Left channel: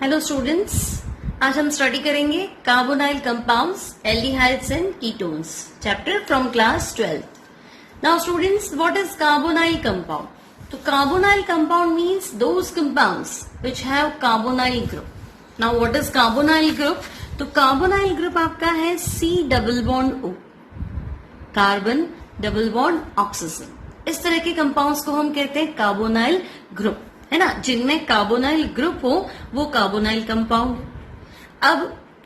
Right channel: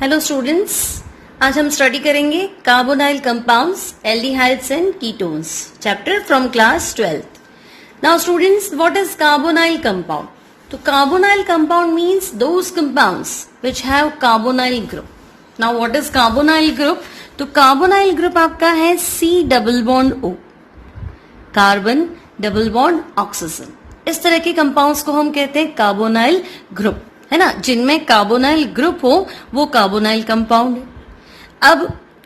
Hello students, आज हम study करेंगे carbonyl compounds, aldehydes and ketones, chapter from class 12th. Now students, what is carbonyl compound? तो carbonyl compound means those compounds which have carbonyl group. Now what is carbonyl group? तो carbonyl group आपका है C double bond O, carbon double bond oxygen. इस तरह के compounds को हम कहते हैं कार्बोनाइल ग्रुप, है ना. जिनमें कार्बोनाइल ग्रुप हो वो कार्बोनाइल कंपाउंड है. अब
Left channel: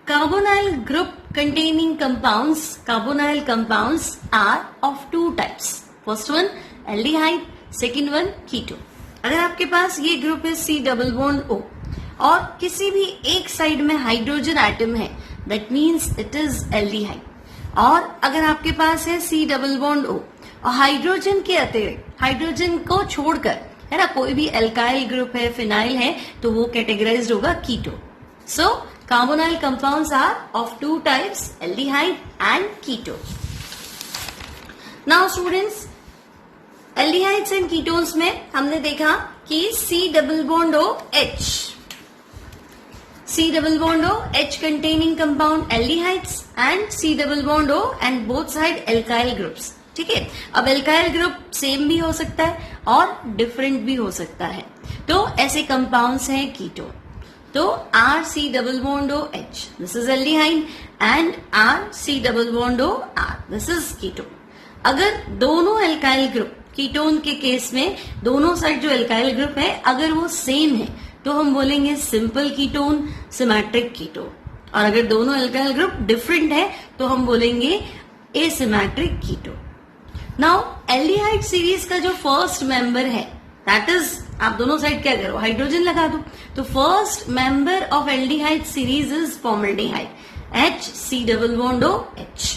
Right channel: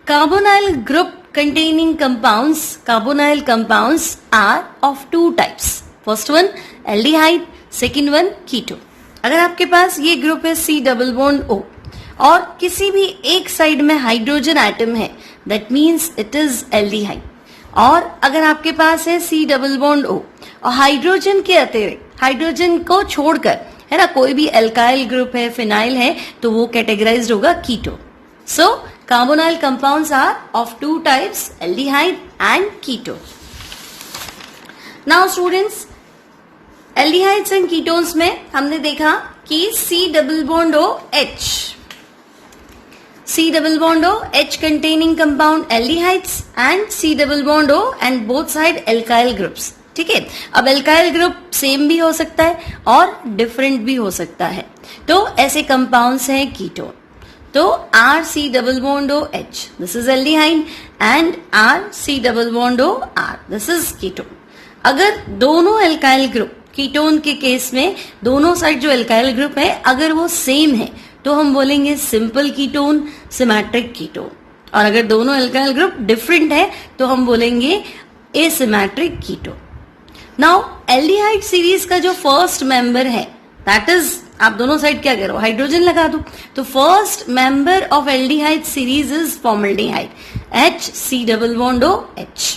carbonyl group containing compounds, carbonyl compounds are of two types. First one aldehyde, second one ketone. अगर आपके पास ये ग्रुप है C डबल बॉन्ड O और किसी भी एक साइड में हाइड्रोजन एटम है, that means it is aldehyde. और अगर आपके पास है C डबल बॉन्ड O और हाइड्रोजन के अतिरिक्त, हाइड्रोजन को छोड़कर, है ना, कोई भी एल्काइल ग्रुप है, फिनाइल है, तो वो कैटेगराइज्ड होगा ketone. So carbonyl compounds are of two types, aldehyde and ketone. Now students, aldehydes and ketones में हमने देखा कि C double bond O H, C double bond O H containing compound aldehydes and C double bond O and both side alkyl groups. ठीक है. अब alkyl group same भी हो सकता है और डिफरेंट भी हो सकता है. तो ऐसे कंपाउंड्स हैं कीटोन. तो R C double bond O H, this is aldehyde, and R C double bond O R, this is ketone. अगर दोनों alkyl ग्रुप, कीटोन के केस में दोनों साइड जो alkyl ग्रुप है अगर वो सेम है तो हम बोलेंगे सिंपल कीटोन, सिमेट्रिक कीटोन. और अगर दोनों एल्काइल ग्रुप डिफरेंट है तो हम बोलेंगे asymmetric ketone. Now aldehyde series का जो फर्स्ट मेंबर है, दैट इज, आप दोनों साइड क्या करो, हाइड्रोजन लगा दो. तो first member of aldehyde series is formaldehyde, H C double bond O H.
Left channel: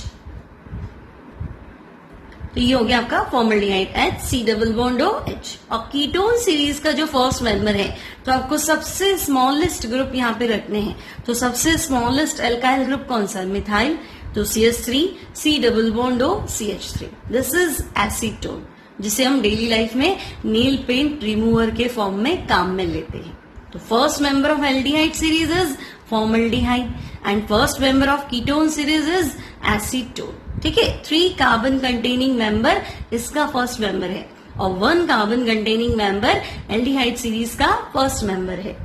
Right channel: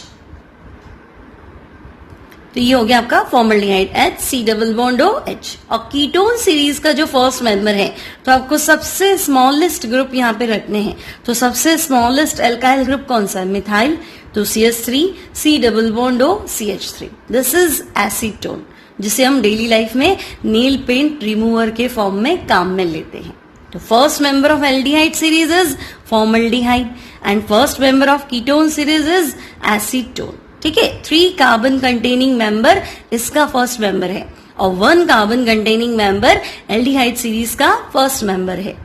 तो ये हो गया आपका formaldehyde, H C double bond O H. और कीटोन सीरीज का जो फर्स्ट मेंबर है तो आपको सबसे स्मॉलेस्ट ग्रुप यहाँ पे रखने हैं. तो सबसे स्मॉलेस्ट एल्काइल ग्रुप कौन सा है? मिथाइल. तो CH3, C double bond O CH3. This is acetone, जिसे हम डेली लाइफ में नेल पेंट रिमूवर के फॉर्म में काम में लेते हैं. तो first member of aldehyde series is formaldehyde and first member of ketone series is acetone. ठीक है. 3 कार्बन कंटेनिंग मेंबर इसका फर्स्ट मेंबर है और 1 carbon containing member aldehyde series का फर्स्ट मेंबर है.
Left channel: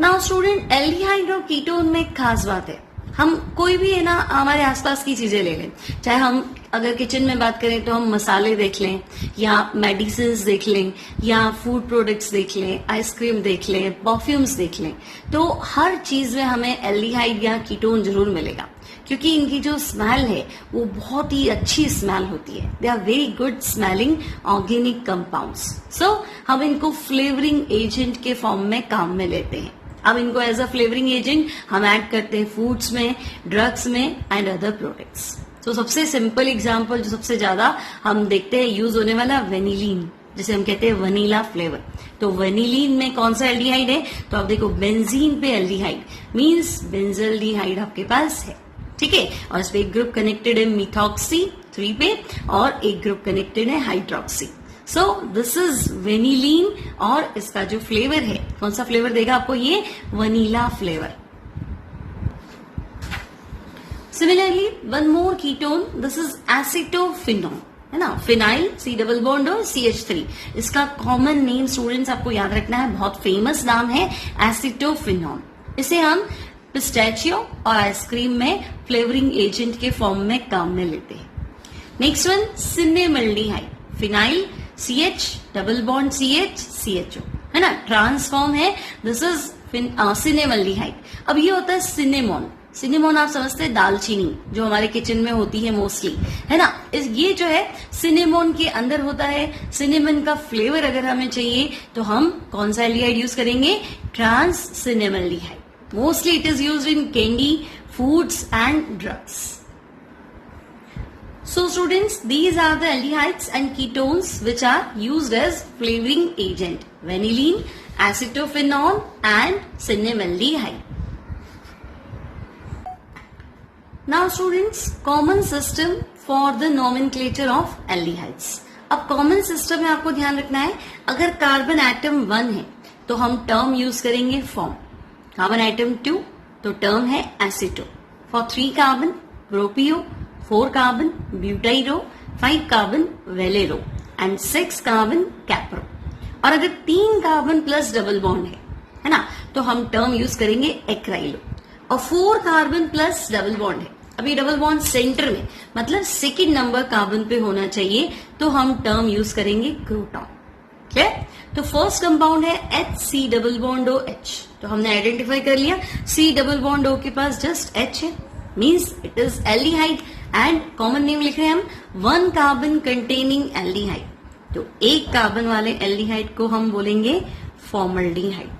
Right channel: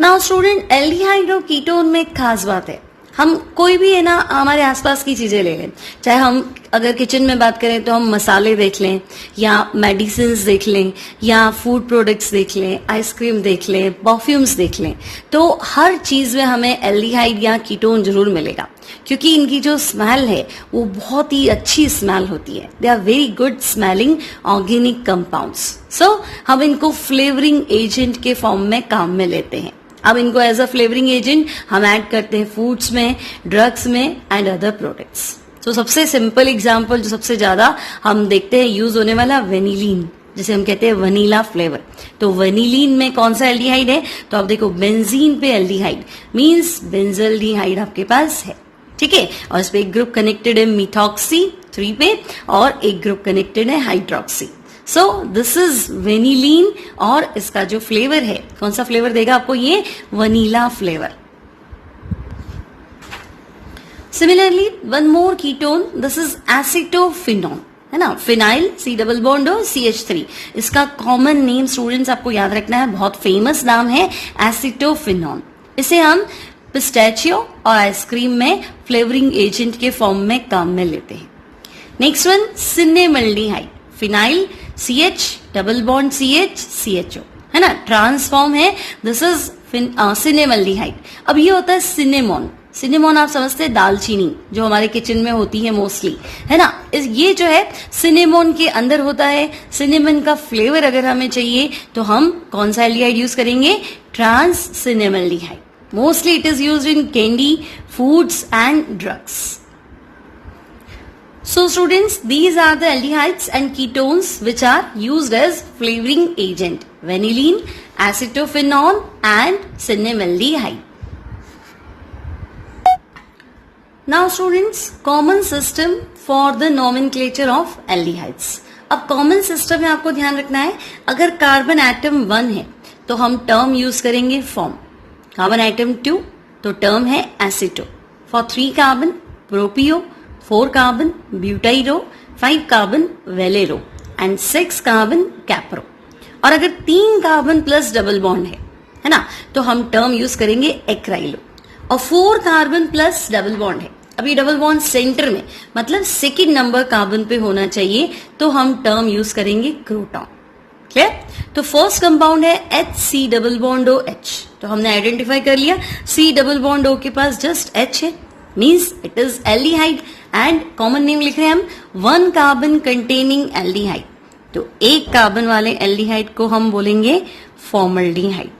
नाउ स्टूडेंट, एल्डिहाइड और कीटोन में एक खास बात है. हम कोई भी, है ना, हमारे आसपास की चीजें ले लें, चाहे हम अगर किचन में बात करें तो हम मसाले देख लें या मेडिसिन देख लें या फूड प्रोडक्ट्स देख लें, आइसक्रीम देख लें, परफ्यूम्स देख लें, तो हर चीज में हमें एल्डिहाइड या कीटोन जरूर मिलेगा, क्योंकि इनकी जो स्मेल है वो बहुत ही अच्छी स्मेल होती है. They are very good smelling organic compounds. So हम इनको फ्लेवरिंग एजेंट के फॉर्म में काम में लेते हैं. अब इनको एज अ फ्लेवरिंग एजेंट हम ऐड करते हैं फूड्स में, ड्रग्स में एंड अदर प्रोडक्ट्स. तो सबसे सिंपल एग्जांपल जो सबसे ज्यादा हम देखते हैं यूज होने वाला, वेनिलीन, जिसे हम कहते हैं वनीला फ्लेवर. तो वेनिलीन में कौन सा एल्डिहाइड है? तो आप देखो, बेंजीन पे एल्डिहाइड मींस बेंजल्डिहाइड आपके पास है. ठीक है. और इस पे एक ग्रुप कनेक्टेड है मिथॉक्सी 3 पे और एक ग्रुप कनेक्टेड है hydroxy. So this is vanillin और इसका जो फ्लेवर है, कौन सा फ्लेवर देगा आपको? ये vanilla flavour. Similarly one more ketone, this is acetophenol, है ना. Phenyl C double bond O CH3. इसका कॉमन नेम स्टूडेंट्स आपको याद रखना है, बहुत फेमस नाम है एसिटोफिनॉल. इसे हम पिस्टैचियो और आइसक्रीम में फ्लेवरिंग एजेंट के फॉर्म में काम में लेते हैं. Next one cinnamaldehyde, phenyl CH double bond CH CHO, है ना, ट्रांसफॉर्म है. This is cinnamaldehyde. अब ये होता है सिनेमोन. सिनेमोन आप समझते हैं दालचीनी जो हमारे किचन में होती है मोस्टली, है ना. ये जो है सिनेमोन के अंदर होता है. सिनेमन का फ्लेवर अगर हमें चाहिए तो हम कौन सा एल्डिहाइड यूज करेंगे? Trans सिनेमल्डिहाइड. Mostly it is used in candy, foods and drugs. So students, these are the aldehydes and ketones which are used as flavoring agent. Vanillin, acetophenol and cinemaldehyde. Now students, common system for the nomenclature of aldehydes. अब common system में आपको ध्यान रखना है, अगर carbon atom 1 है तो हम टर्म यूज करेंगे फॉर्म. कार्बन आइटम 2 तो टर्म है aceto. For 3 carbon propio, 4 carbon butyro, 5 carbon valero and 6 carbon capro. और अगर 3 कार्बन प्लस डबल बॉन्ड है ना, तो हम टर्म यूज करेंगे एक्राइलो. और 4 कार्बन प्लस डबल बॉन्ड है, अभी डबल बॉन्ड सेंटर में मतलब सेकेंड नंबर कार्बन पे होना चाहिए, तो हम टर्म यूज करेंगे क्रोटॉन. क्लियर? तो फर्स्ट कंपाउंड है HC डबल बॉन्ड OH. तो हमने आइडेंटिफाई कर लिया C डबल बॉन्ड O के पास जस्ट H है, means it is aldehyde. And common name लिख रहे हैं हम 1 कार्बन कंटेनिंग एल्डिहाइड. तो 1 कार्बन वाले एल्डिहाइड को हम बोलेंगे formaldehyde.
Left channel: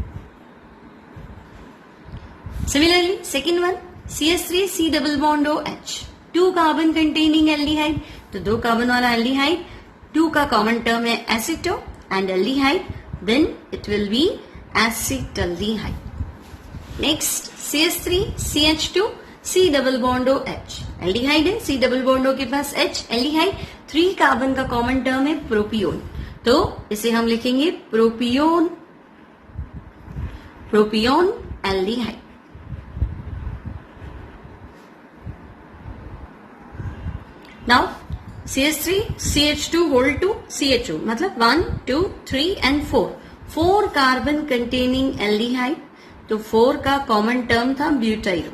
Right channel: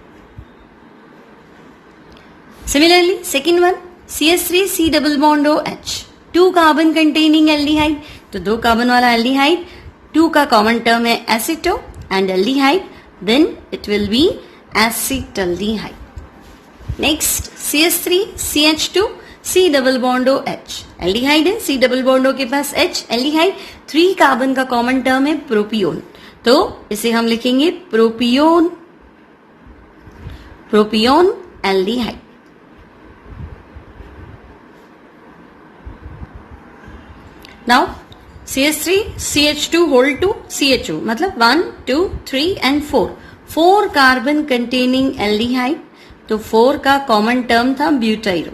Similarly second one CH3C double bond OH, 2 carbon containing aldehyde. तो 2 कार्बन वाला एल्डिहाइड, 2 का कॉमन टर्म है एसिटो and aldehyde, then it will be acetaldehyde. Next CH3 CH2 C double bond OH, aldehyde है, C double bond O के पास H, aldehyde. 3 carbon का common term है प्रोपियोन, तो इसे हम लिखेंगे प्रोपियोन aldehyde. Now CH3 CH2 whole 2 CHO मतलब 1 2 3 and 4 कार्बन कंटेनिंग एल्डिहाइड. तो 4 का कॉमन टर्म था butyro,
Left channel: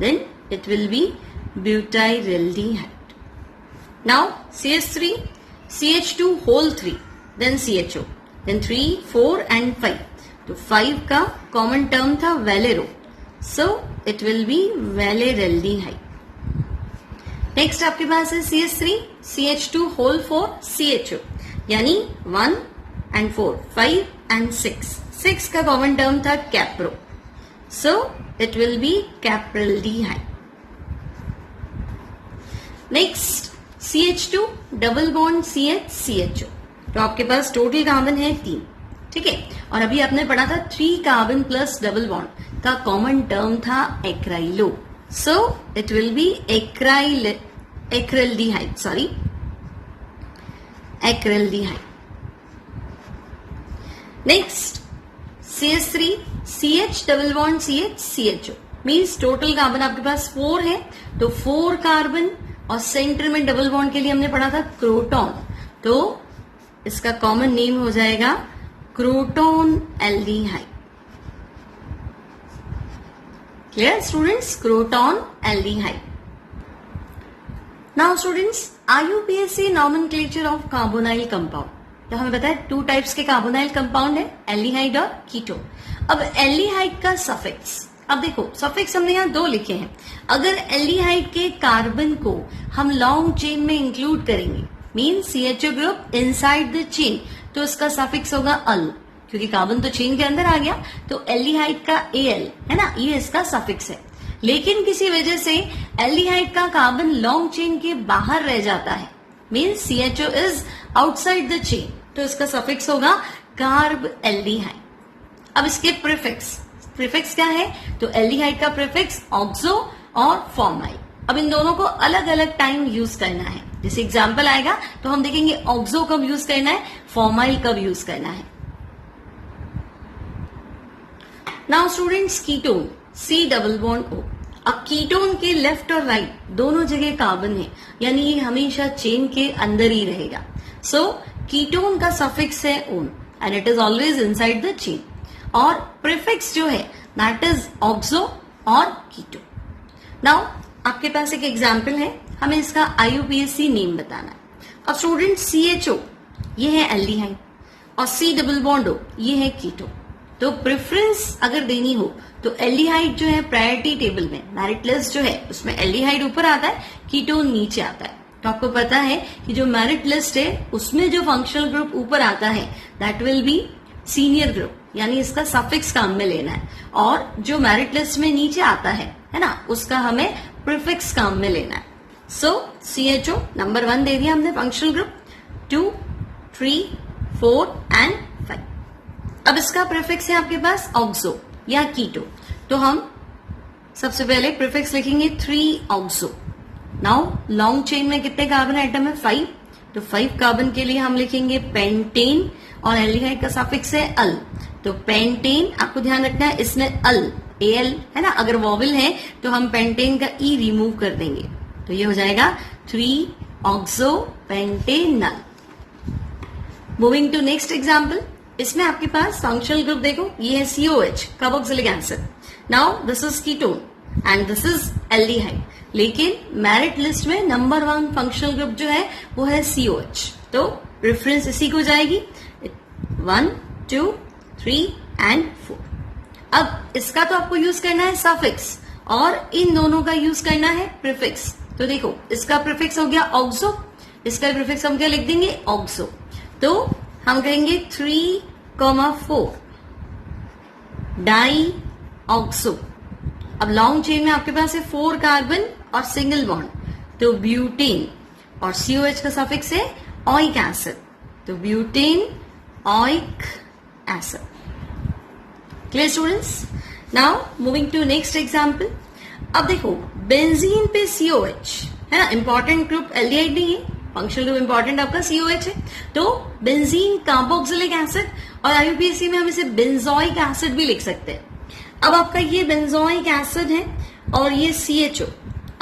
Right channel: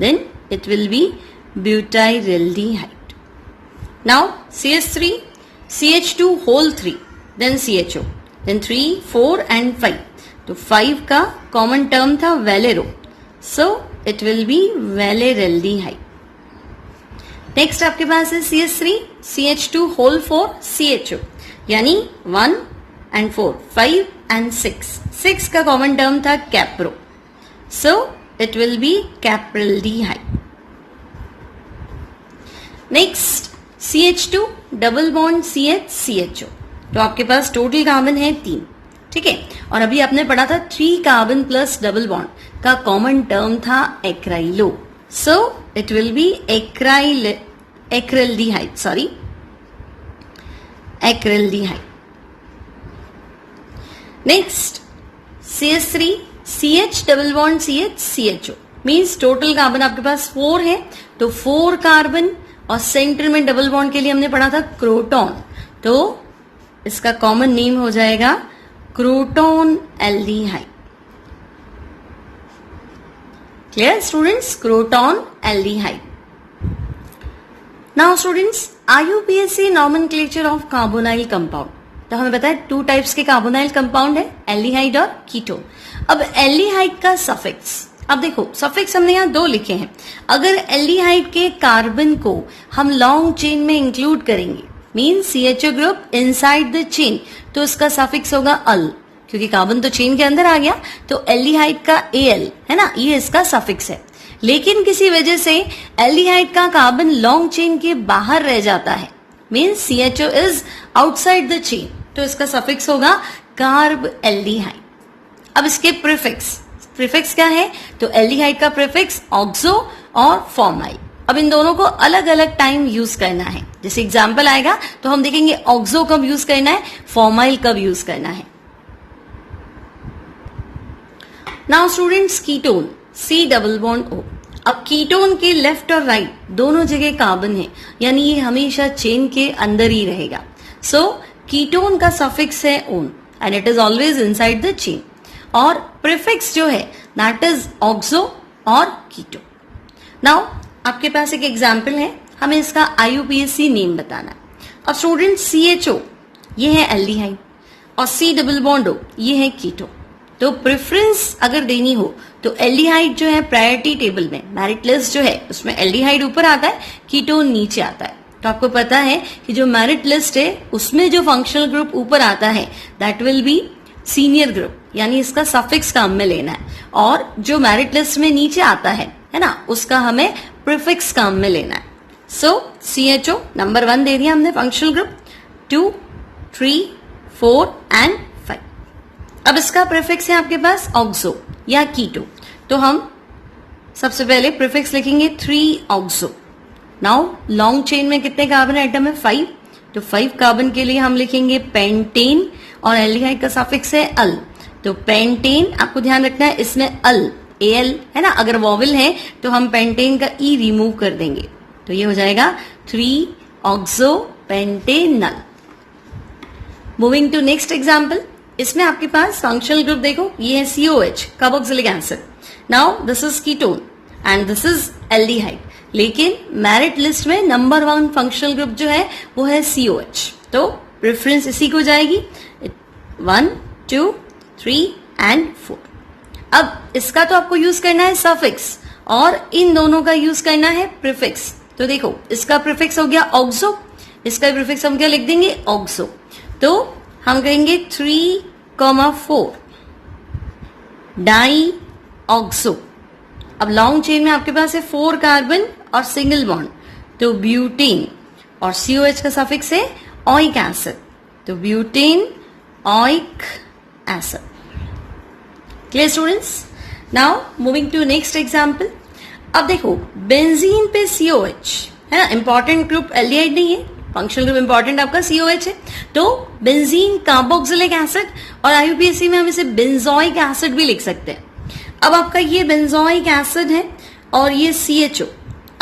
then it will be butyraldehyde. Now CH3 CH2 whole 3 then CHO, then 3 4 and 5. तो 5 का कॉमन टर्म था valero, so it will be valeraldehyde. Next आपके पास है CH3 CH2 whole 4 CHO, यानी 1 and 4 5 and 6 का common term था capro, so it will be capraldehyde. Next CH2 double bond CH CHO. तो आपके पास टोटल कार्बन है 3, ठीक है. और अभी आपने पढ़ा था 3 कार्बन प्लस डबल बॉन्ड का कॉमन टर्म था acrylo, so it will be acryldehyde. Next CH3 CH double bond CH CHO means total carbon आपके पास 4 है. तो 4 कार्बन और सेंटर में डबल बॉन्ड के लिए हमने पढ़ा था क्रोटॉन, तो इसका कॉमन नेम हो जाएगा croton aldehyde. Clear students? Croton aldehyde. Now students, IUPAC nomenclature of carbonyl compound. तो हमें पता है 2 टाइप्स के कार्बोनाइल कंपाउंड है, एल्डिहाइड और कीटोन. अब एल्डिहाइड का सफिक्स, अब देखो सफिक्स हमने यहाँ 2 लिखे हैं. अगर एल्डिहाइड के कार्बन को हम लॉन्ग चेन में इंक्लूड करेंगे, mean CHO group inside the chain, तो इसका सफिक्स होगा अल, क्योंकि कार्बन तो चेन के अंदर आ गया, तो एल्डिहाइड का Al है ना, ये इसका सफिक्स है. लेकिन किसी वजह से एल्डिहाइड का कार्बन लॉन्ग चेन के बाहर रह जाता है, means CHO is outside the chain, तो इसका सफिक्स होगा कार्ब एल्डिहाइड. अब इसके प्रीफिक्स क्या है, तो एल्डिहाइड का प्रीफिक्स ऑक्सो और फॉर्माइल. अब इन दोनों को अलग अलग टाइम यूज करना है. जैसे एग्जाम्पल आएगा तो हम देखेंगे ऑक्सो कब यूज करना है, फॉर्माइल कब यूज करना है. Now students ketone C double bond O. अब कीटोन के लेफ्ट और राइट दोनों जगह कार्बन है, यानी ये हमेशा चेन के अंदर ही रहेगा. सो कीटोन का सफिक्स है own and it is always inside the chain. और प्रीफिक्स जो है दैट इज ऑक्सो और कीटो. नाउ आपके पास एक एग्जाम्पल है, हमें इसका IUPAC नेम बताना. अब स्टूडेंट CHO ये है एल्डिहाइड और C डबल बॉन्ड O ये है कीटो. तो प्रेफरेंस अगर देनी हो तो एल्डिहाइड जो है प्रायोरिटी टेबल में, मेरिट लिस्ट जो है उसमें एल्डिहाइड ऊपर आता है, कीटोन नीचे आता है. तो आपको पता है कि जो मेरिट लिस्ट है उसमें जो फंक्शनल ग्रुप ऊपर आता है that will be senior group, यानी इसका सफिक्स काम में लेना है. और जो मेरिट लिस्ट में नीचे आता है ना, उसका हमें प्रीफिक्स काम में लेना है. सो CHO नंबर 1 दे दिया हमने फंक्शनल ग्रुप, 2 3 4 एंड 5. अब इसका प्रीफिक्स है आपके पास ऑक्सो या कीटो, तो हम सबसे पहले प्रीफिक्स लिखेंगे 3 ऑक्सो. नाउ लॉन्ग चेन में कितने कार्बन एटम है 5, तो 5 कार्बन के लिए हम लिखेंगे पेंटेन और एल्डिहाइड का सफिक्स है अल, तो पेंटेन, आपको ध्यान रखना है इसमें अल, एल है ना, अगर वॉवल है तो हम पेंटेन का ई रिमूव कर देंगे, तो ये हो जाएगा 3-ऑक्सोपेंटेनल। मूविंग टू नेक्स्ट एग्जाम्पल, इसमें आपके पास फंक्शनल ग्रुप देखो, ये है COH, carboxylic acid. Now this is ketone and this is aldehyde, लेकिन मेरिट लिस्ट में नंबर 1 फंक्शनल ग्रुप जो है वो है COH, तो रेफरेंस इसी को जाएगी 1, 2, 3 एंड 4। अब इसका तो आपको यूज करना है सफिक्स और इन दोनों का यूज करना है प्रीफिक्स। तो देखो इसका प्रीफिक्स हो गया ऑक्सो, इसका प्रीफिक्स हम क्या लिख देंगे, ऑक्सो। तो हम कहेंगे 3,4 डाई ऑक्सो। अब लॉन्ग चेन में आपके पास है 4 कार्बन और सिंगल बॉन्ड, तो ब्यूटेन, और COH का सफिक्स है ऑइक एसिड, तो butane oic acid. Clear students? Now moving to next example. अब देखो बेंजीन पे COH है ना, इंपॉर्टेंट ग्रुप एल्डिहाइड नहीं है, फंक्शनल ग्रुप इंपॉर्टेंट आपका COH है, तो बेंजीन कार्बोक्सिलिक एसिड, और IUPAC में हम इसे बेंजोइक एसिड भी लिख सकते हैं। अब आपका ये बेंजोइक एसिड है और ये CHO।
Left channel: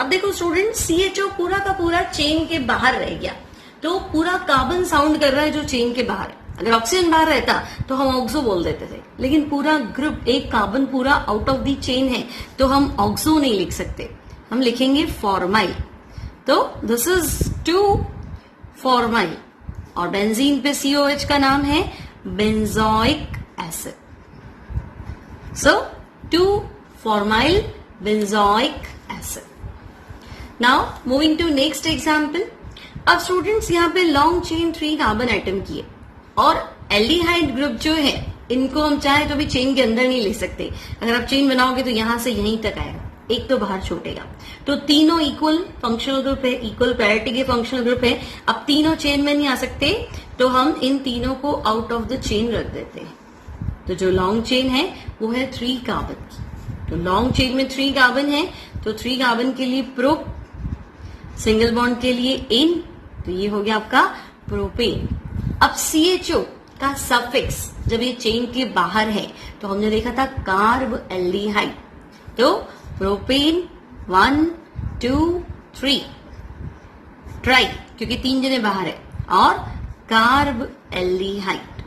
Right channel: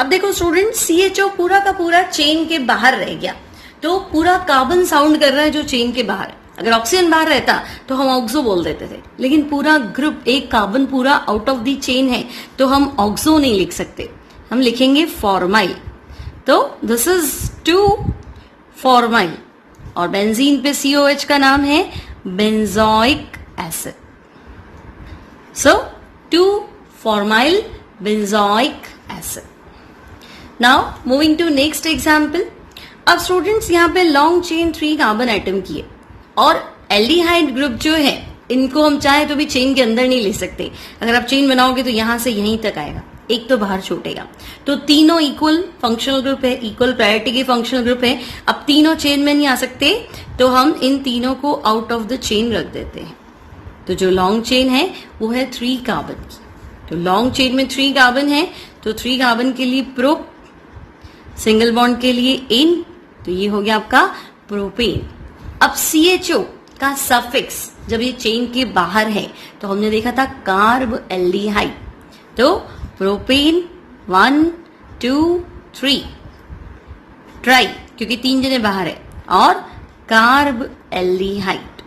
अब देखो स्टूडेंट, CHO पूरा का पूरा चेन के बाहर रह गया, तो पूरा कार्बन साउंड कर रहा है जो चेन के बाहर। अगर ऑक्सीजन बाहर रहता तो हम ऑक्सो बोल देते थे, लेकिन पूरा ग्रुप, एक कार्बन पूरा आउट ऑफ द चेन है, तो हम ऑक्सो नहीं लिख सकते, हम लिखेंगे फॉर्माइल। तो दिस इज 2-फॉर्माइल, और बेंजीन पे COH का नाम है benzoic acid. So two formyl benzoic acid. Now moving to next example. अब स्टूडेंट्स यहाँ पे लॉन्ग चेन 3 कार्बन एटम की है, और एल्डिहाइड ग्रुप जो है इनको हम चाहे तो भी चेन के अंदर नहीं ले सकते। अगर आप चेन बनाओगे तो यहां से यहीं तक आएगा, एक तो बाहर छूटेगा। तो तीनों इक्वल फंक्शनल ग्रुप है, इक्वल प्रायोरिटी के फंक्शनल ग्रुप है। अब तीनों चेन में नहीं आ सकते, तो हम इन तीनों को आउट ऑफ द चेन रख देते हैं। तो जो लॉन्ग चेन है वो है 3 कार्बन की, तो लॉन्ग चेन में 3 कार्बन है, तो 3 कार्बन के लिए प्रोप, सिंगल बॉन्ड के लिए इन, तो ये हो गया आपका प्रोपेन। अब CHO का सफिक्स जब ये चेन के बाहर है तो हमने देखा था कार्ब एल्डिहाइड, तो प्रोपेन 1, 2, 3 ट्राई, क्योंकि 3 जने बाहर है, और carb aldehyde.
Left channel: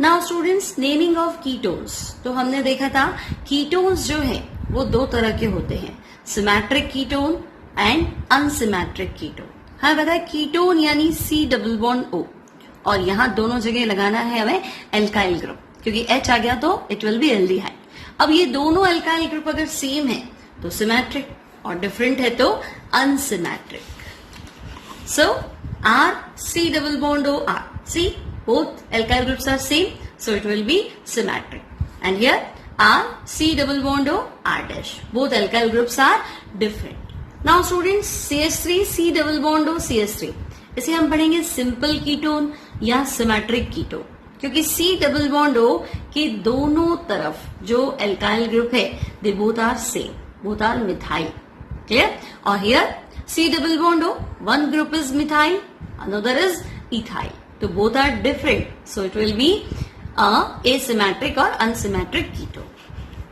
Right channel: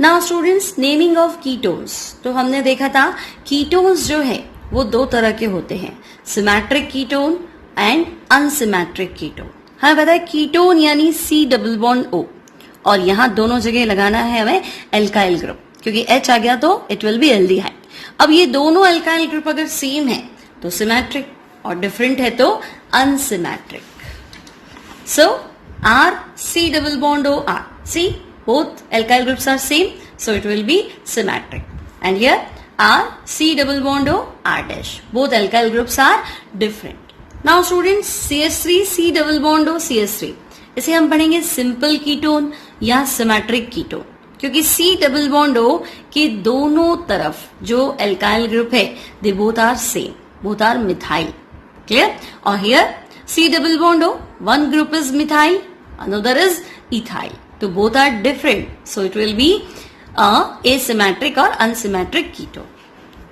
Now students, naming of ketones. तो हमने देखा था कीटोन्स जो है वो 2 तरह के होते हैं, symmetric ketone and unsymmetric ketone. हमें पता है कीटोन यानी C+O, और यहां दोनों जगह लगाना है हमें एल्काइल ग्रुप, क्योंकि H आ गया तो इट विल बी एल्डिहाइड। अब ये दोनों एल्काइल ग्रुप अगर सेम है तो सिमेट्रिक, और डिफरेंट है तो unsymmetric. So R C+O R, see both alkyl groups are same, so it will be symmetric. And here R C+O R dash, both alkyl groups are different. Now students, CH3 C+O CH3, इसे हम पढ़ेंगे simple ketone या symmetric ketone, क्योंकि C+O के दोनों तरफ जो alkyl group है they both are same, both are methyl. Clear? और here C+O, one group is methyl, another is ethyl, तो both are different, so it will be asymmetric or unsymmetric ketone.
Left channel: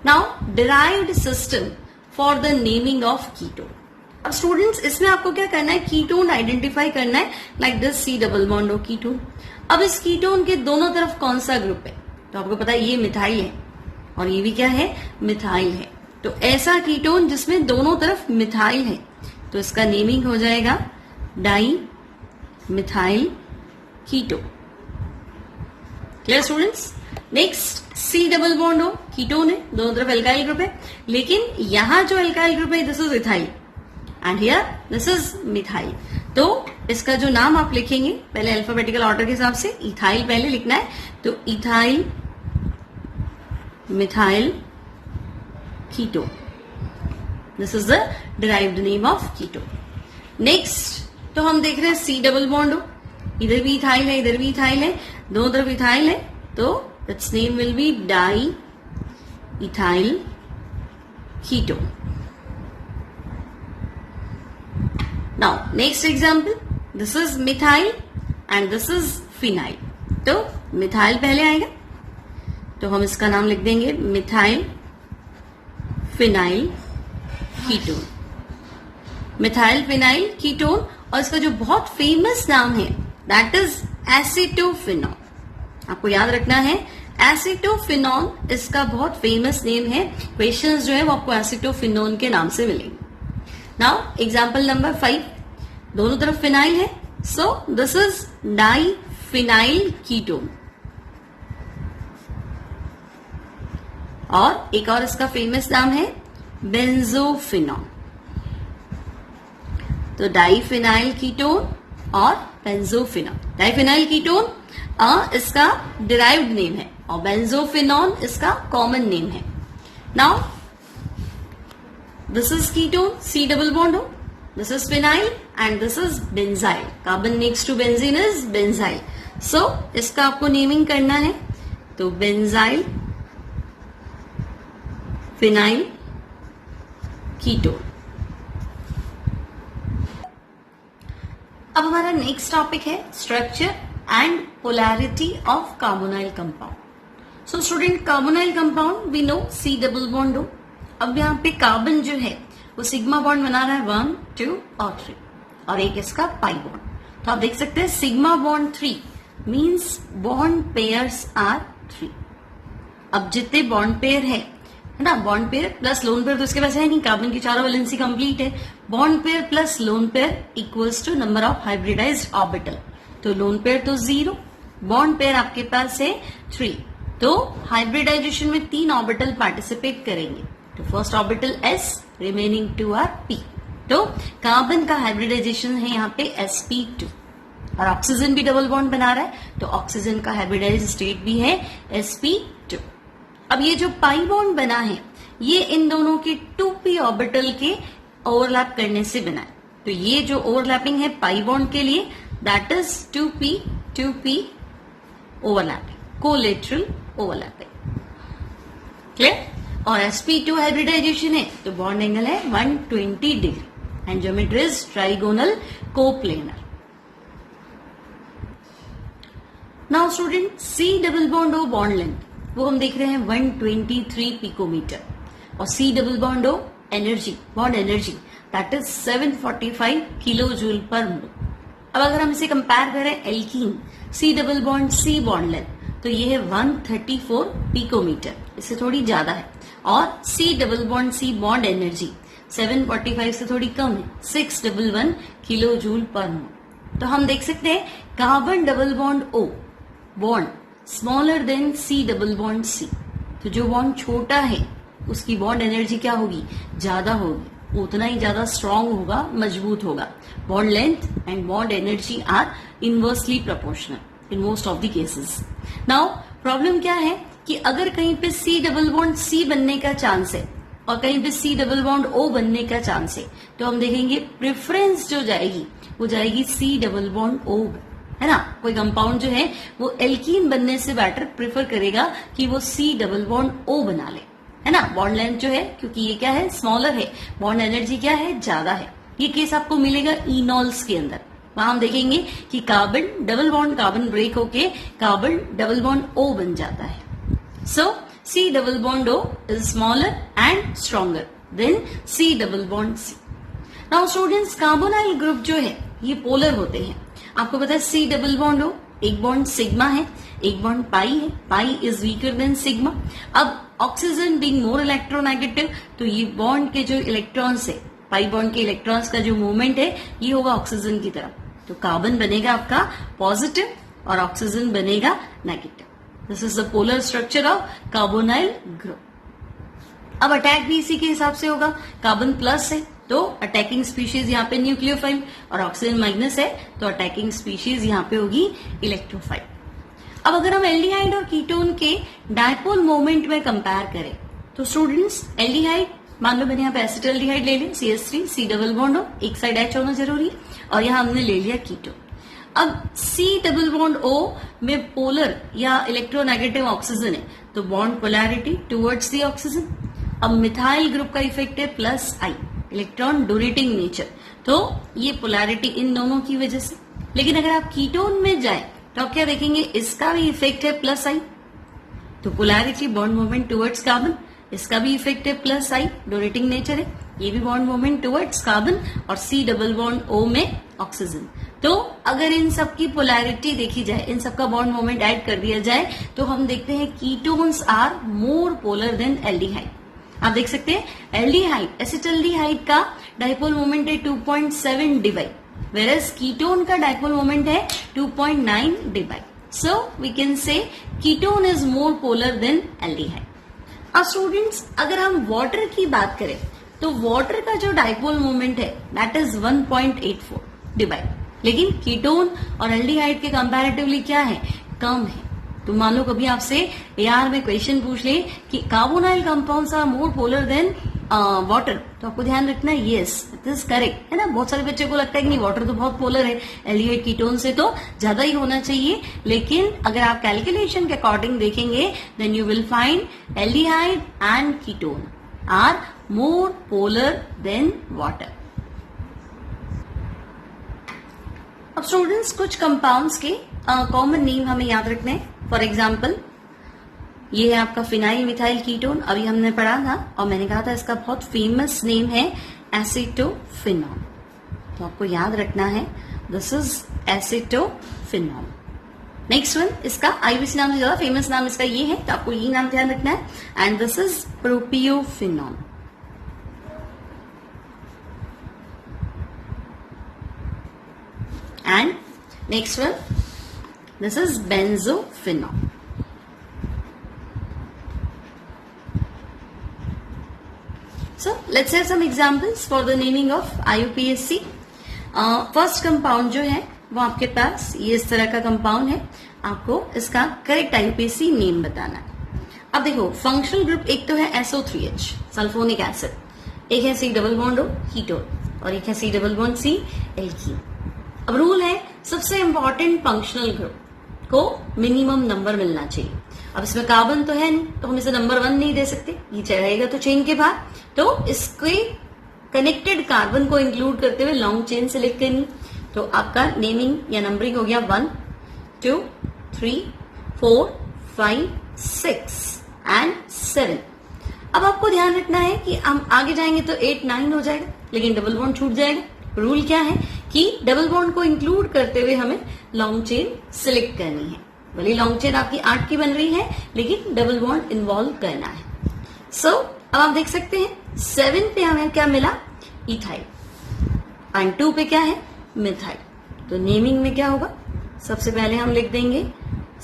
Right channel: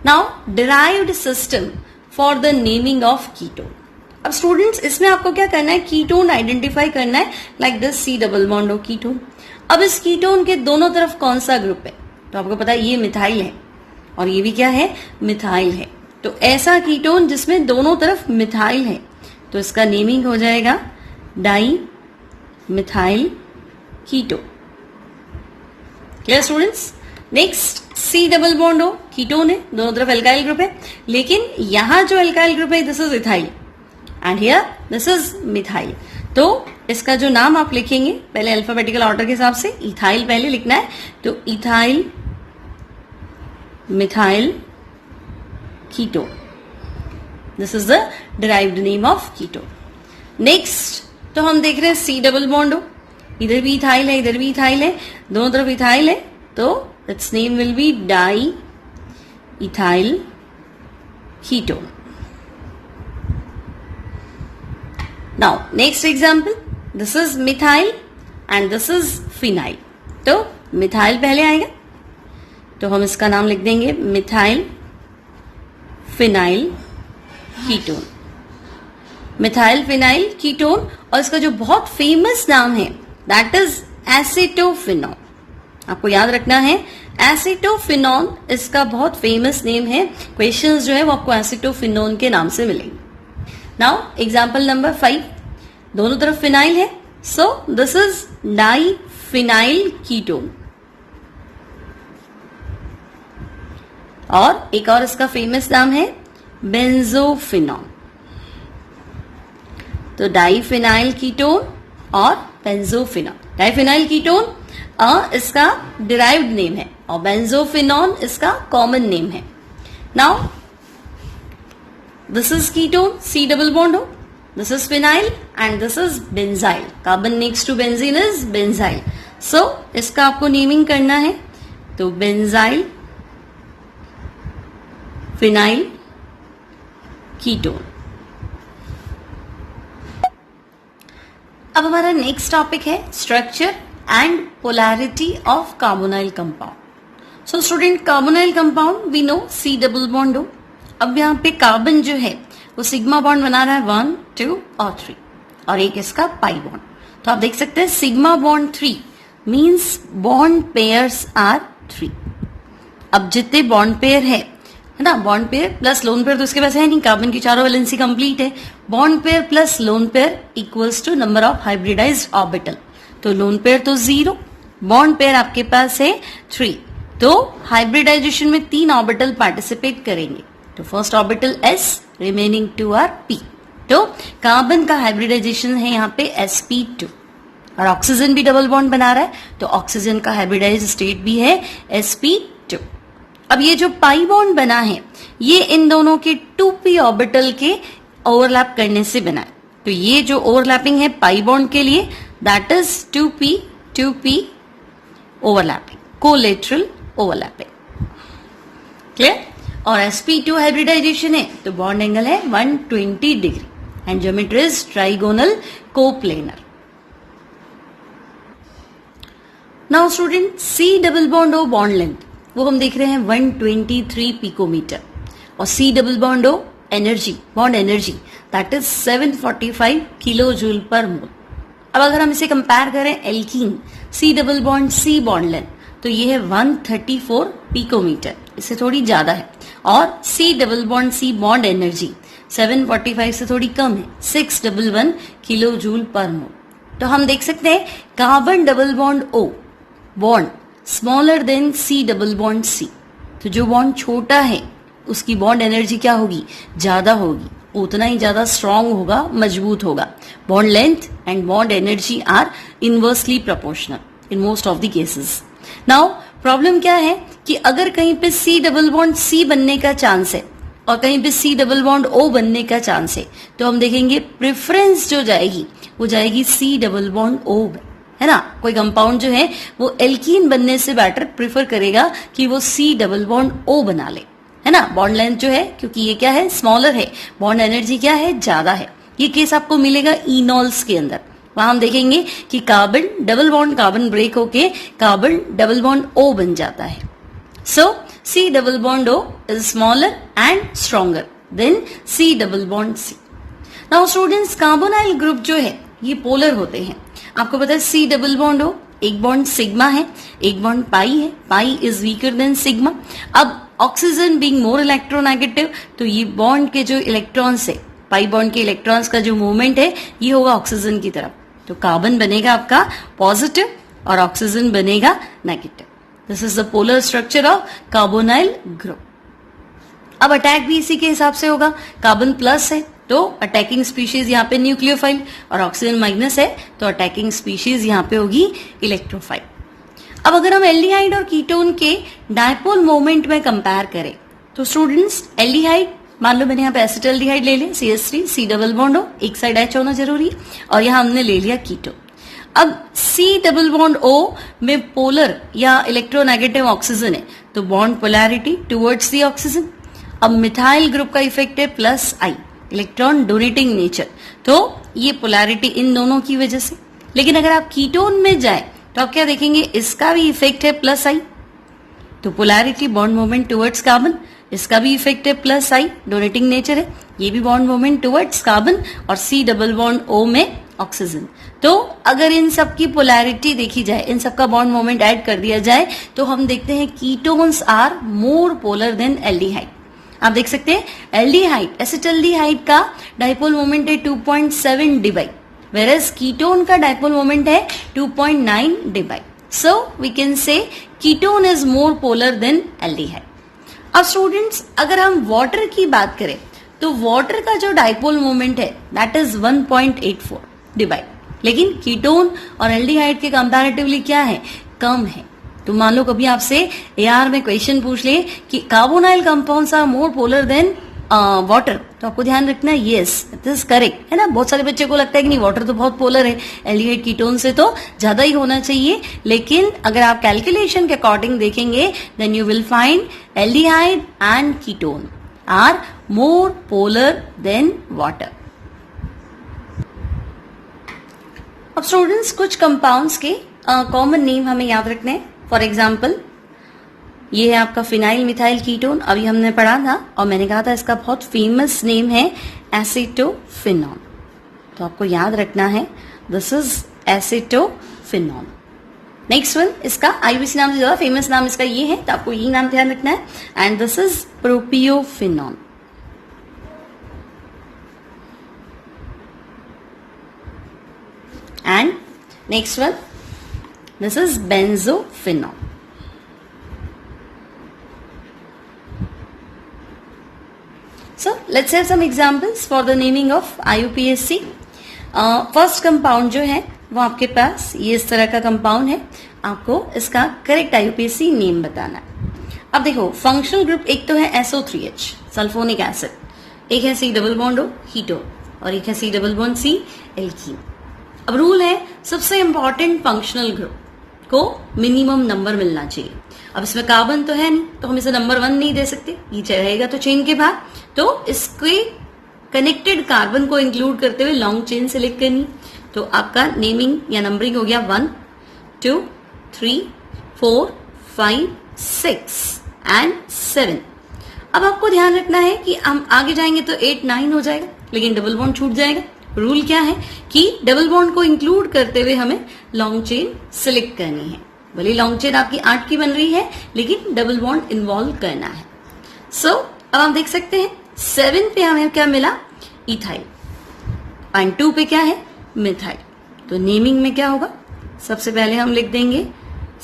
Now derived system for the naming of ketone. अब students इसमें आपको क्या करना है, ketone identify करना है, like this C+O ketone. अब इस कीटोन के दोनों तरफ कौन सा ग्रुप है, तो आपको पता है ये मिथाइल है और ये भी क्या है, मिथाइल है। तो ऐसा कीटोन जिसमें दोनों तरफ मिथाइल है, तो इसका नेमिंग हो जाएगा di methyl ketone. Clear students? Next C+O ketone है, दोनों तरफ एल्काइल ग्रुप है, लेकिन यहां जो एल्काइल ग्रुप है this is ethyl and here this is methyl. तो इसका जो नाम आप लिखेंगे पहले अल्फाबेटिकल ऑर्डर के हिसाब से, इथाइल पहले लिखना है, तो ethyl methyl ketone, this is the derived name of ketone. Next तो हम देख रहे हैं C+O, इधर भी इथाइल है इधर भी इथाइल है, दोनों तरफ इथाइल है, तो it's name will be di ethyl ketone. Now next example, this is methyl and this is phenyl. तो मिथाइल पहले आएगा, तो हम इसका नाम लिख देंगे methyl phenyl ketone. Methyl phenyl ketone, और इसका जो बहुत फेमस नाम है दैट इज एसीटोफिनॉल। आपको याद रखना है एसीटोफिनॉल इसका बहुत फेमस नेम है। क्वेश्चंस जो है वो आपको एसीटोफिनॉल के नाम से मिलेंगे। नाउ एग्जांपल नंबर 5, दोनों तरफ फिनाइल है, so this is diphenyl ketone. और एक और इसका फेमस नाम है बेंजोफिनॉल। तो डाइफिनाइल कीटोन और बेंजोफिनॉल। डाइफिनाइल कीटोन इसका डिराइव्ड नेम है और बेंजोफिनॉल इसका कॉमन नेम है। Now this is ketone, C double bond O, this is phenyl and this is benzyl. Carbon next to benzene is benzyl. So इसका आपको नेमिंग करना है, तो बेंजाइल फिनाइल कीटोन। अब हमारा नेक्स्ट टॉपिक है structure and polarity of carbonyl compound. So student, carbonyl compound we know C double bond O। अब यहाँ पे कार्बन जो है वो सिग्मा बॉन्ड बना रहा है 1, 2 और 3, और एक इसका पाई बॉन्ड। तो आप देख सकते हैं sigma bond 3 means bond pairs are 3। अब जितने बॉन्ड पेयर है ना, bond pair plus lone pair तो उसके पास है नहीं, कार्बन की चारों वैलेंसी कंप्लीट है। Bond pair plus lone pair equals to number of hybridised orbital. तो लोन पेयर तो 0, बॉन्ड पेयर आपके पास है 3, तो हाइब्रिडाइजेशन में 3 ऑर्बिटल पार्टिसिपेट करेंगे। तो first orbital s, remaining 2 are p। तो कार्बन का हाइब्रिडाइजेशन है यहाँ पे sp2, और ऑक्सीजन भी डबल बॉन्ड बना रहा है, तो ऑक्सीजन का हाइब्रिडाइज स्टेट भी है sp2। अब ये जो पाई बॉन्ड बना है ये इन दोनों के 2p ऑर्बिटल के ओवरलैप करने से बना है। तो ये जो ओवरलैपिंग है पाई बॉन्ड के लिए that is 2p overlapping, collateral overlapping. Clear? और sp2 हाइब्रिडाइजेशन है तो बॉन्ड एंगल है 120 degree and geometry is trigonal coplanar. Now student, C double bond O bond length वो हम देख रहे हैं 123 पिकोमीटर, और C double bond O energy, bond energy that is 745 kilo joule per mole. अब अगर हम इसे कंपेयर करें alkene C double bond C bond length, तो ये है 134 पिकोमीटर, इससे थोड़ी ज्यादा है। और C double bond C bond energy 745 से थोड़ी कम है, 611 किलो जूल पर मोल। तो हम देख सकते हैं carbon double bond O bond smaller than C double bond C। तो जो बॉन्ड छोटा है उसकी बॉन्ड एनर्जी क्या होगी, ज्यादा होगी, उतना ही ज्यादा स्ट्रांग होगा, मजबूत होगा। Bond length and bond energy are inversely proportional in most of the cases. Now problem क्या है कि अगर कहीं पे C डबल बॉन्ड C बनने का चांस है और कहीं पे C डबल बॉन्ड O बनने का चांस है, तो हम देखेंगे प्रेफरेंस जो जाएगी वो जाएगी C डबल बॉन्ड O, है ना। कोई कंपाउंड जो है वो एल्कीन बनने से बेटर प्रेफर करेगा कि वो C डबल बॉन्ड O बना ले, है ना। बॉन्ड लेंथ जो है, क्योंकि ये क्या है, स्मॉलर है, बॉन्ड एनर्जी क्या है, ज्यादा है। ये केस आपको मिलेगा इनॉल्स के अंदर। वहां हम देखेंगे कि carbon double bond carbon break होके कार्बन डबल बॉन्ड O बन जाता है। So C double bond O is smaller and stronger than C double bond C। Now students, carbonyl group जो है ये पोलर होते हैं। आपको पता है C डबल बॉन्ड O, एक बॉन्ड सिग्मा है, एक बॉन्ड पाई है, pi is weaker then sigma. अब ऑक्सीजन बीइंग मोर इलेक्ट्रोनेगेटिव, तो ये बॉन्ड के जो इलेक्ट्रॉन्स है, पाई बॉन्ड के इलेक्ट्रॉन्स का जो मूवमेंट है ये होगा ऑक्सीजन की तरफ। तो कार्बन बनेगा आपका पॉजिटिव और ऑक्सीजन बनेगा negative. This is the polar structure of carbonyl group. अब अटैक भी इसी के हिसाब से होगा। कार्बन प्लस है तो अटैकिंग स्पीशीज यहाँ पे न्यूक्लियोफाइल, और ऑक्सीजन माइनस है तो अटैकिंग स्पीशीज यहाँ पे होगी इलेक्ट्रोफाइल। अब अगर हम एल्डिहाइड और कीटोन के डायपोल मोमेंट में कंपेयर करें, तो स्टूडेंट्स एल्डिहाइड, मान लो मैंने यहाँ पे एसिटाल्डिहाइड ले लिया, CH3 C double bond O, एक साइड H होना जरूरी है, और यहाँ हमने ले लिया कीटोन। अब C डबल बॉन्ड O में पोलर या इलेक्ट्रोनेगेटिव ऑक्सीजन है तो bond polarity towards the oxygen. अब मिथाइल ग्रुप का इफेक्ट है plus I, electron donating nature, तो ये पोलैरिटी इन दोनों की वजह से। लेकिन अगर आप कीटोन में जाए तो आप क्या देखेंगे, इसका भी इफेक्ट है प्लस आई, तो polarity bond movement towards carbon, इसका भी इफेक्ट है प्लस आई, डोनेटिंग नेचर है, ये भी बॉन्ड मूवमेंट टुवर्ड्स कार्बन, और सी डबल बॉन्ड ओ में ऑक्सीजन। तो अगर इन सब की पोलैरिटी देखी जाए, इन सब का बॉन्ड मूवमेंट ऐड कर दिया जाए, तो हम देखते हैं ketones are more polar than aldehyde. आप देख सकते हैं एल्डिहाइड, एसिटल्डिहाइड का डाइपोल मोमेंट है 2.7 डिबाई, whereas कीटोन का डाइपोल मोमेंट है 2.9 debye. So we can say ketone is more polar than aldehyde. अब स्टूडेंट्स अगर हम वाटर की बात करें तो वाटर का जो डाइपोल मोमेंट है दैट इज 1.84 डिवाइड, लेकिन कीटोन और एल्डिहाइड के कंपैरेटिवली क्या है, कम है। तो मान लो कभी आपसे एआर में क्वेश्चन पूछ ले कि carbonyl compounds are more polar than water, तो आपको ध्यान रखना यस इट इज करेक्ट, है ना। बहुत सारे बच्चे को लगता है कि नहीं वाटर तो बहुत पोलर है, एल्डिहाइड कीटोन से तो ज्यादा ही होना चाहिए, लेकिन अगर आप कैलकुलेशन के अकॉर्डिंग देखेंगे then you will find aldehyde and ketone are more polar than water. अब स्टूडेंट्स कुछ कंपाउंड्स के कॉमन नेम हमें याद रखने हैं। फॉर एग्जाम्पल ये है आपका फिनाइल मिथाइल कीटोन, अभी हमने पढ़ा था और मैंने कहा था इसका बहुत फेमस नेम है एसिटोफिनॉल, तो आपको याद रखना है this is acetophenol. Next one, इसका आईबीसी नाम से ज्यादा फेमस नाम इसका ये है, तो आपको ये नाम ध्यान रखना है, and this is propiophenol. And next one, this is benzophenol. So let's have some examples for the naming of IUPAC. First compound जो है वो आपके पास ये इस तरह का कंपाउंड है, आपको इसका करेक्ट IUPAC नेम बताना है। अब देखो फंक्शनल ग्रुप एक तो है SO3H सल्फोनिक एसिड, एक है C double bond O ketone, और एक है C double bond C alkene. अब रूल है सबसे इंपॉर्टेंट फंक्शनल ग्रुप को मिनिमम नंबर मिलना चाहिए। अब इसमें कार्बन तो है नहीं, तो हम इसे नंबर 1 नहीं दे सकते, ये रहेगा तो चेन के बाहर, तो इसके कनेक्टेड कार्बन को इंक्लूड करते हुए लॉन्ग चेन सेलेक्ट करनी। तो आपका नेमिंग या नंबरिंग हो गया 1 2 3 4 5 6 एंड 7। अब आपको ध्यान रखना है कि हम आगे जाएंगे तो 8 9 हो जाएगा, लेकिन डबल बॉन्ड छूट जाएगा। रूल क्या है कि डबल बॉन्ड को इंक्लूड करते हुए हमें लॉन्ग चेन सिलेक्ट करनी है। भले लॉन्ग चेन आपकी 8 की बन रही है, लेकिन डबल बॉन्ड इन्वॉल्व करना है। सो अब आप देख सकते हैं 7 पे हमें क्या मिला, इथाइल, एंड 2 पे क्या है, मिथाइल। तो नेमिंग में क्या होगा, सबसे पहले हम लिख देंगे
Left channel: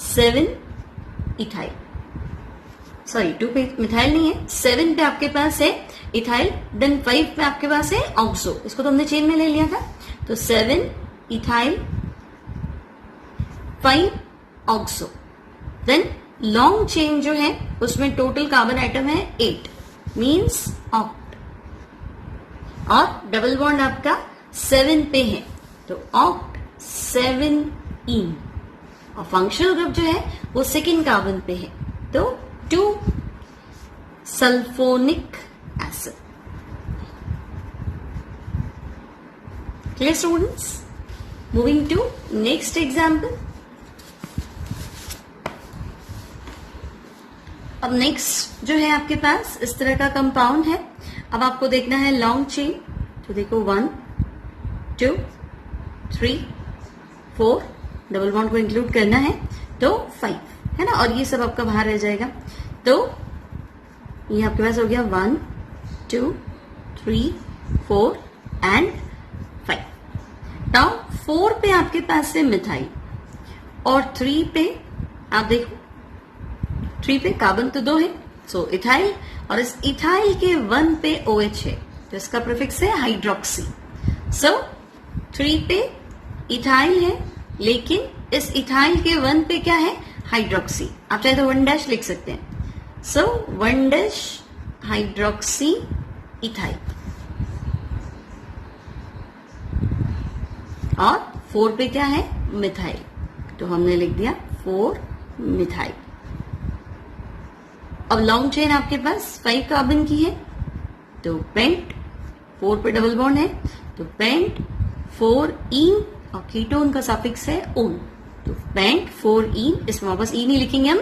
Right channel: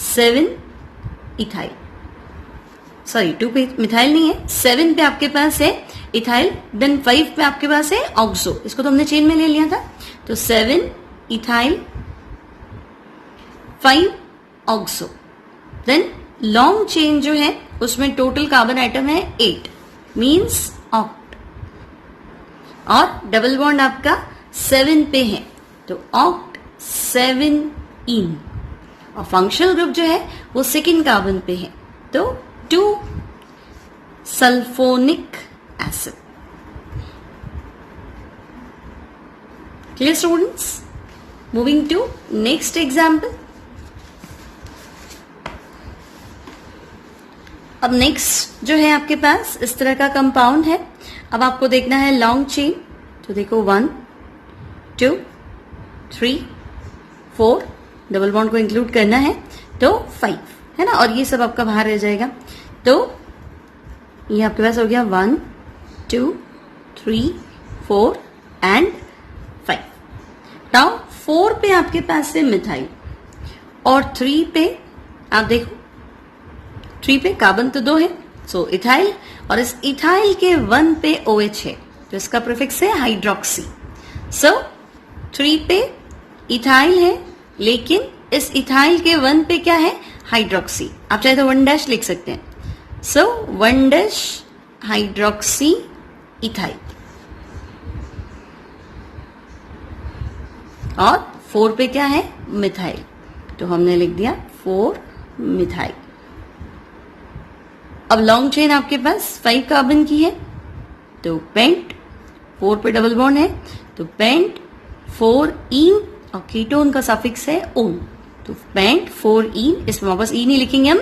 7 इथाइल, सॉरी 2 पे मिथाइल नहीं है, 7 पे आपके पास है इथाइल, देन 5 पे आपके पास है ऑक्सो, इसको तो हमने चेन में ले लिया था, तो 7 ethyl 5 oxo. Then long chain जो है उसमें टोटल कार्बन आइटम है 8 मींस ऑक्ट, और डबल बॉन्ड आपका 7 पे है, तो ऑक्ट 7 इन, और फंक्शनल ग्रुप जो है वो सेकेंड कार्बन पे है, तो 2 sulphonic acid. Clear students? Moving to next example. अब नेक्स्ट जो है आपके पास इस तरह का कंपाउंड है। अब आपको देखना है लॉन्ग चेन, तो देखो 1 2 3 4, डबल बॉन्ड को इंक्लूड करना है तो 5, है ना, और ये सब आपका बाहर रह जाएगा। तो ये आपके पास हो गया 1 2 3 4 एंड 5। नाउ 4 पे आपके पास है मिथाइल, और 3 पे आप देखो 3 पे कार्बन तो 2 है, सो इथाइल, और इस इथाइल के 1 पे OH है, तो इसका प्रीफिक्स है हाइड्रोक्सी। सो 3 पे इथाइल है, लेकिन इस इथाइल के 1 पे क्या है, हाइड्रोक्सी। आप चाहे तो 1 लिख सकते हैं, सो 1 हाइड्रोक्सी इथाइल, और 4 पे क्या है, मिथाइल, तो हमने लिख दिया 4 मिथाइल। अब लॉन्ग चेन आपके पास 5 कार्बन की है, तो पेंट, 4 पे डबल बॉन्ड है, तो पेंट 4 इन और कीटोन का सफिक्स है ओन। तो बेंट 4 ईन, इसमें वापस ई नहीं लिखेंगे हम,